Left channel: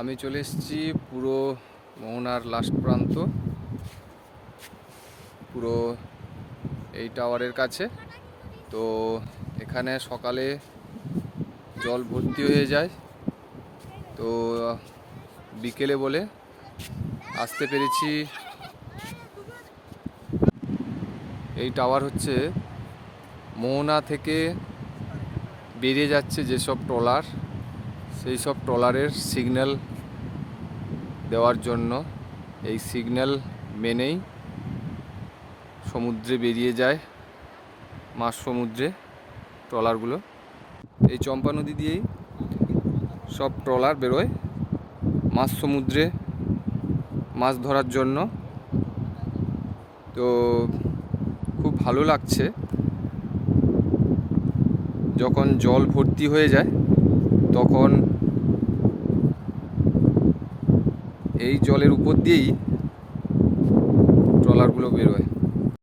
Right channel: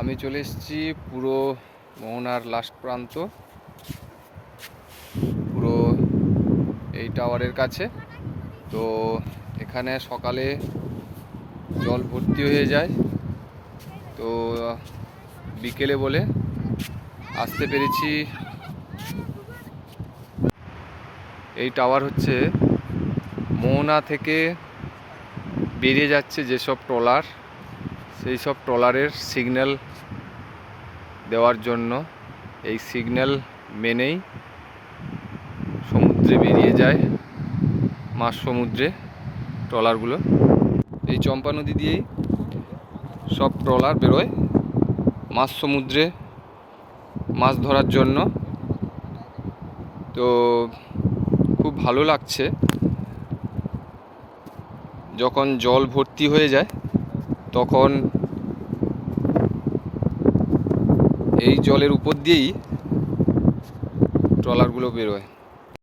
আমি চলে এসেছি পুরো মোহনার লাস্ট প্রান্ত, পুরো এই টাওয়ারের কাছে। তো এখানে সকালে জল ভর্তি হয়ে যায়, তো বিকেলে বলে আসতে পেরেছি। এই টাওয়ার হচ্ছে মোহনা থেকে বেরিয়ে যাচ্ছে যেসব ট্রলার, সেই সব ট্রলারের সিগন্যাল দেওয়ার জন্য। এই সিগন্যাল মেনেই সমুদ্রে বেরিয়ে যায়, মাঝ সমুদ্রে ট্রলারগুলো। এই চম্পা নদী দিয়েই সব ট্রলার বেরোয় মাঝ সমুদ্রে মাছ ধরার জন্য। তো খুব ভালো লাগছে যখন জল ভর্তি হয়ে যায়, তখন এই জলের উপর দিয়েই ট্রলারগুলো বেরোয়।